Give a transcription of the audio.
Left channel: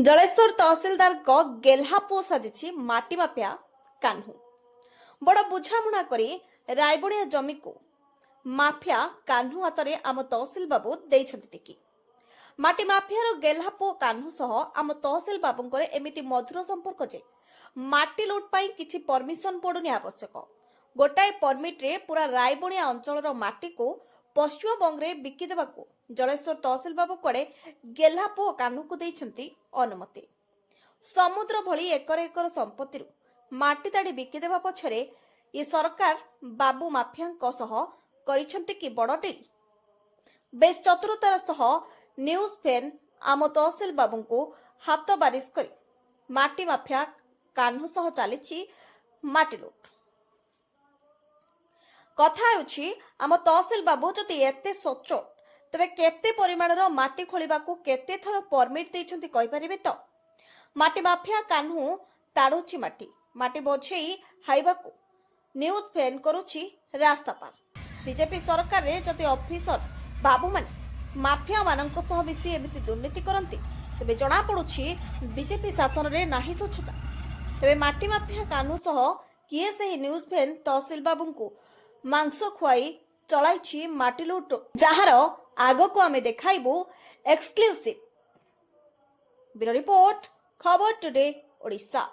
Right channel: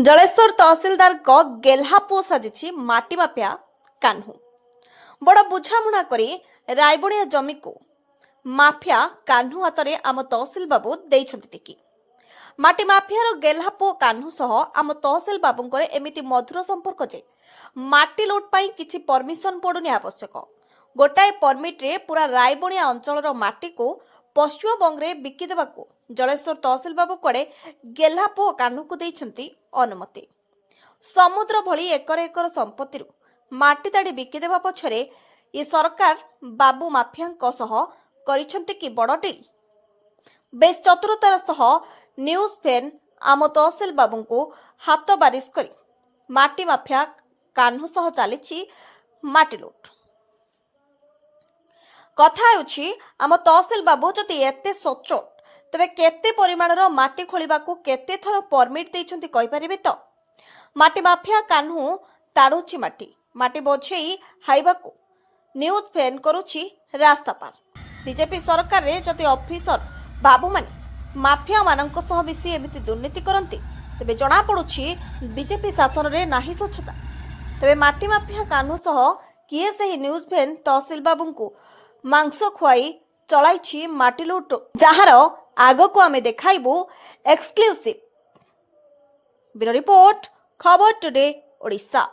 जलेश्वर तहसिलदार गेल्हापुओ साजिछि माटी माफिया कान्हू बड़ बुझामुणा करी रायबणिया जमी को माफिया कान्हू हातरे आम तहसिल बाबू देइछन्ति टिकी माटी माफियार गेल्हापुओ कान्हू सह आम तहसिल बाबूंकर एमिति मधुर संपर्क जे माटी लुट पाई किछि परमिशन पड़ुनी आवश्यक गोटाए परमिट रे पूरा रायबणिया अंचलर माटी को पश्चिमबंग रे बिकी देबाकू जलेश्वर तहसिल बाबू कुआडे गेल्हापुओ कान्हू को देइछन्ति अनुमति समुद्र भली एकर एकर संपत्ति माटी ताड़ी बिकी देबा पछरे ये सरकार बाबू माफिया सह करिछन्ति कि बड़ डिल बेस चतुरतार सह न्यूज फैन आम तहसिल बाबू को हाथ बारिश करी माटी माफिया कान्हू सह चली माटी लुट कथा हेउछि आम तहसिल बाबू जदि एते सचोट तेबे केते परिमाणर माटी खोलिबाकू केते थर परमिट देइछन्ति कहि परिबे तो माटी माफिया कान्हू ताड़ुछि माटी माटी बोझेई हाइबाकू न्यूज फैन करुछि रास्ता पार बीजेपी सरकार रे जदि ऑफिसर बाबू माने माफिया मानक सह मिसी एमिति दुर्नीति करन्ति तेबे जणा पडुछि बीजेपी शासन रे नाही स्वच्छता तेबे माटी माफिया कान्हू सह किए सही न्यूज फैन तहसिल बाबूंकू मांस खुआई चलाइछि माटी लुट जार आग को आमे देखाइबू एक्सक्लूसिव ब्यूरो रिपोर्ट खबर टुडे ओडिशा।